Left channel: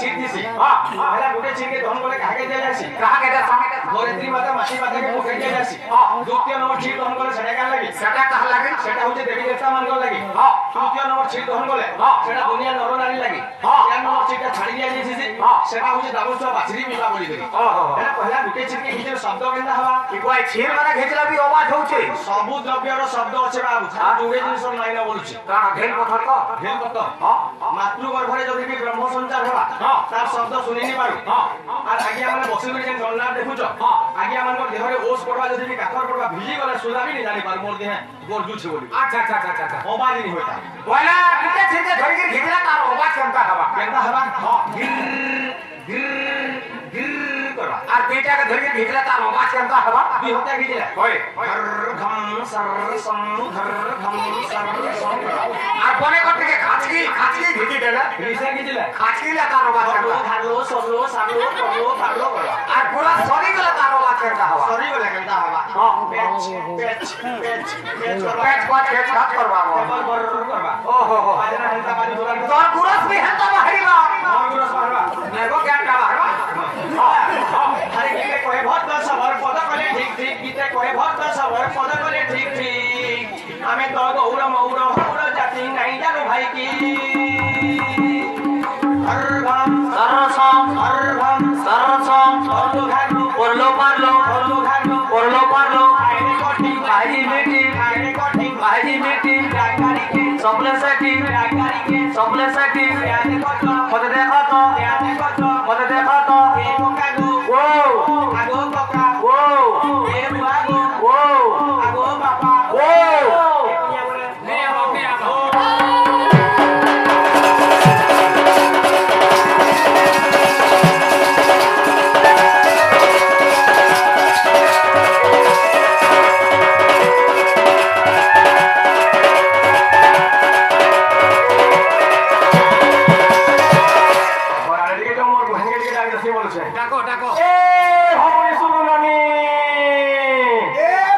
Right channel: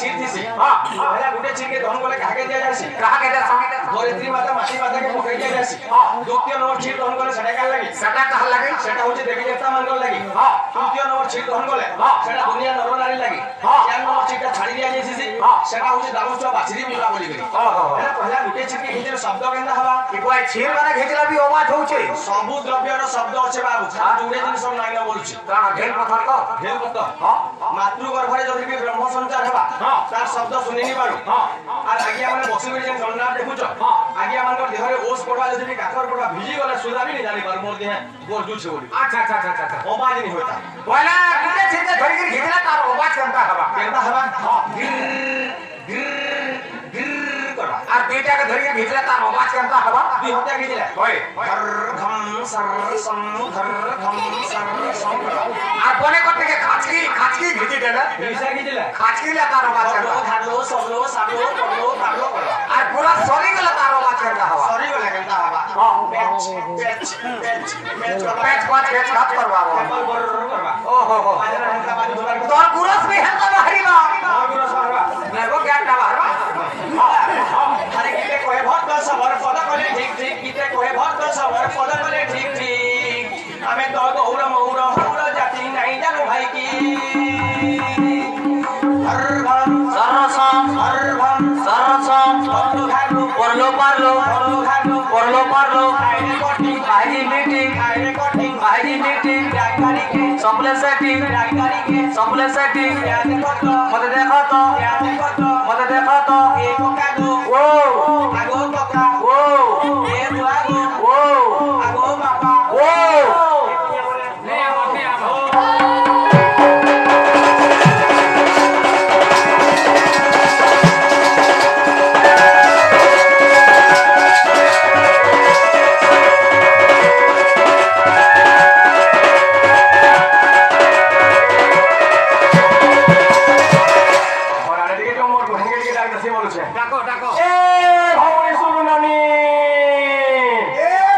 चीर थीसी पहला गुटे चीर के दहन गले काहे के दिया जासी कहा के जा धरित्री माता माटी माता के मुखे दिया जासी द्वितीय नंबर चीर दहन गले सेटा का लगी सेटा कहा लगे सेटा होचे देवी देवता मन को लगी तृतीय नंबर चीर दहन गले सेटा दुनिया नर नारी लगी चार नंबर चीर का छाड़ी दिया जासी सेटा होचे दावस्ता बाछरी मिला बोली करी पहला पहला गुटे चीर के हिते शब्द केंदा हवा कि कोई छीर माने घेजला भी आवाज होचे सबु द्रव्य रो शब्द अछि बाबू जोडे जिंस नाही ना बोलुछि ता भेल पथर को भेल पत मातृ गर्भरे जदि के ब्रह्म संचार हेबा तार शब्द सुनि नि पारु आ आगिया माने बसी गई जेन गणना देखुछ आगिया मानकर देहरे ओस करबा जदि भी काकर करबा भिजी गले सुधा भी नि जानि पारु मोर देह गोरजु छ बोली अच्छा अच्छा अच्छा अच्छा मोबाइल नि होता बोला किते छीर के धरि के घेजला तार आवाज केंता हवा गिर करबा आ बेटा के धरि के घेजला तार आवाज केंता हवा दी होता घेजला होय घर घम सर सम घर घम सर सम आ कोने कट के खाचकी घेजी देला रिसा घेजला खाचकी ला तार आवाज केंता घालो सलो सालो करो कारो आ पूरा सरी गला तार आवाज केंता हवा सरी गला केंता हवा पेच हाथ करबा टेबल बर करबा ओहो आजना हल्का पानी जुगाड़ कर तोर कुरस में हल्का बाहरी बा गुरस बारबा नेगो क्या बाहरबा हरे गीते कोहे बहुत बल सबर पद कोले ठीक ठीक गीते कोहे बहुत बल सबर पद कोले ठीक ठीक हमें तो गौरव जाति नहीं जानो भाई की हरघम सरसम परलो पारलो आईडी मीटिंग सप्लेसेटी मते देखो तो एको कागो आगो बका ए बुआगो आगो बापा ने वाके आगो डाको ए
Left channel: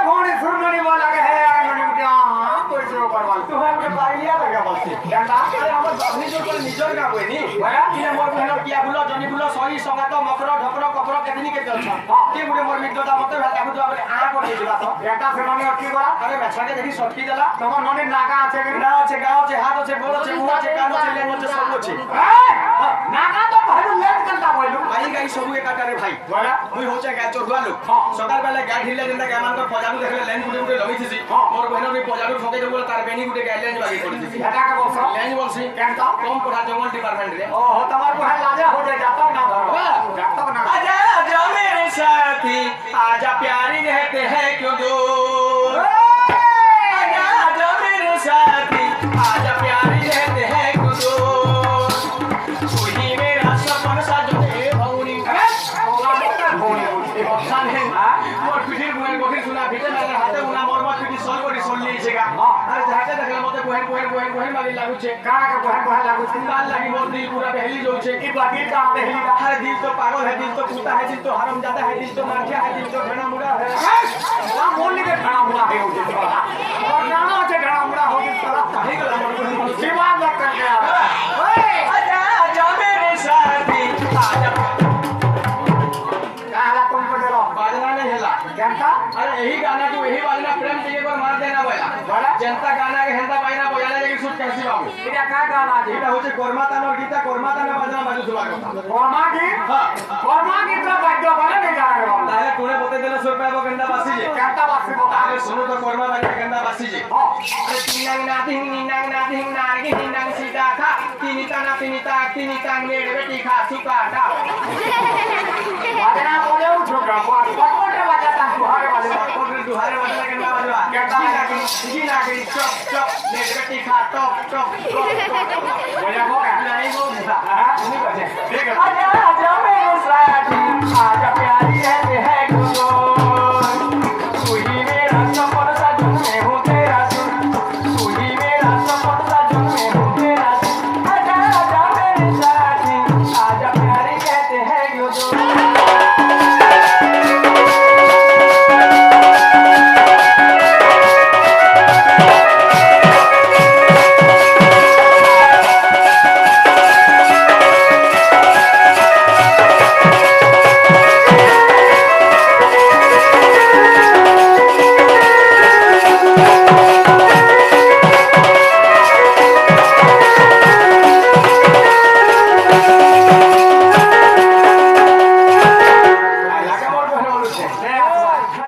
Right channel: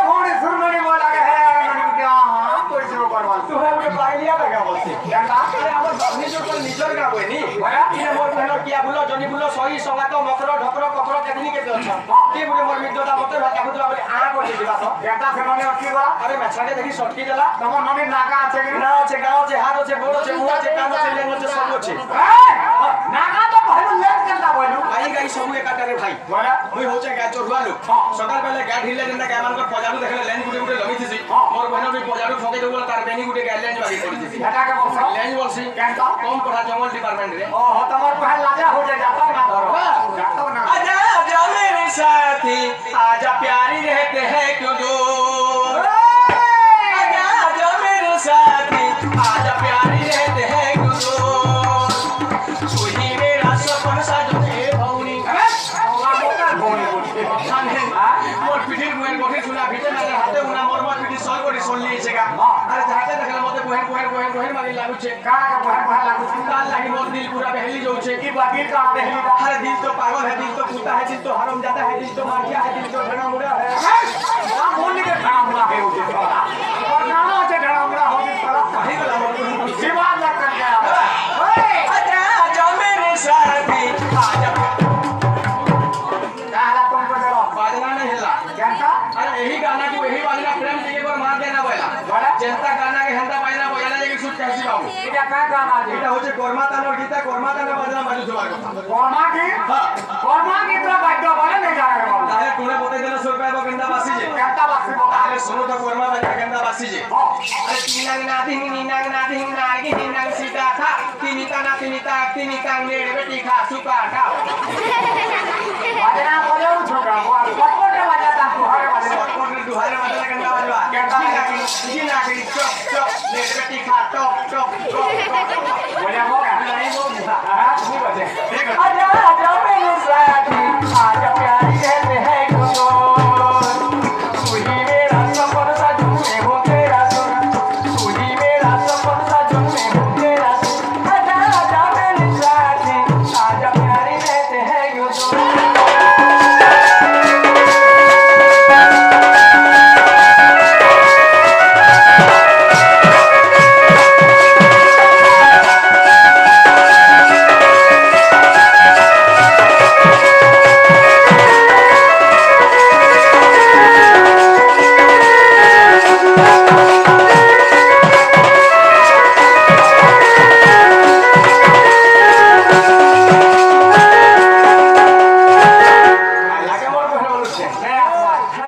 भौणी सुरनानी बोला के है मनी उठा हां कोई से करवाल तू है मुझे पाइलिया लगा बोलती जानता अरे हमर भवनी जो कोई निजर का कोई नी बड़ा इने मोर बहनो किया बुलो जनी बुलो सही संगात मकरो ढकरो कपरो केतनी के अच्छा के गुटे मोर मित्रता मते भाला लागु तो बोले आ कर दिला तो बेटा से मने अटकी बा अरे बेछा के देखी सटकी जाला तमर नने नागा আছে कि ना আছে गाव আছে हाथ আছে गोड़ আছে मुंह আছে कान আছে लेन আছে सब আছে नागा तो भाई लेट करता बोलू भाई गाई सब एकाटारे भाई बोला मुई होचे गाय चोरुआ लोग सकाल बेला गाय ढिल्ले जिंदा गाय मान को पजाडू देखले लेन गुटे गुटे लगी थी मोर बहनो भी पजाडू ठोके देबोला तार बेनी गुटे गाय लेन बागी पड़ी थी हटा का बस लेन बोलसी केनता कम पढ़ा जंगल डिपार्टमेंट रे ओ तमार पढ़ा लाजे हो जाए जाता ना धर जाता ना आजा आजा मेरे साथी आजा प्यारी रहते हैं क्यों दूर आजा आजा मेरे साथी आजा प्यारी रहते हैं क्यों दूर तू ही मेरा सपन सजने भौनी मोर पिठिर बुहेर गठिर सुना भिते नाले हाते उना मोर मोर पिठी सर कोडी सुन ली छेगा अरे जाते देखले मते बुहेर मागी लागु छे का बुहेर लागु छे काल लागी मोर दिल पूरा बहली जाउ छे की बाकी का बहली अरे दिल तो पागल है दिल तो पूता है दिल तो हरामजादा है दिल तो मारकिया है दिल तो घना मुड़ा है का बोल के घना मुड़ा है हो दिल और नाना छे घना मुड़ा हो दिल तरफ है गला मोर जीवान लग कर गया ओए आजा आजा मेरे साथी आजा बाजना नहीं हिला जनता अरे यही गाना को यही बाजना प्रेम के पर मार देना बोला बड़ा जनता गाना के हंदा बाजना बोला लेकिन सुट कैसी बाबू एटा का गाना एटा होचे कोरमाता और गीता कोरमाता ने बाजना बाजू सुबा को कोरमा की हां कोरमा की तरह बाजा बोला नहीं जाना के ताले तूने बते देला 100 रुपया को गंदा बासी जे केंता बासी ताले सुनो तो कोरमा बाजा गंदा बासी जे अरे तीनांग ना धिंग नागी हिंनांग सीता था तिनिता ले बेटी खा सुका था बाजना बोले मुझो का कोटे बजाता कोटे दुहारे बजाता केंता बजवा केंता लागी चप ले बेटी खा टप बोले वो नहीं वो नहीं बजे ठीक है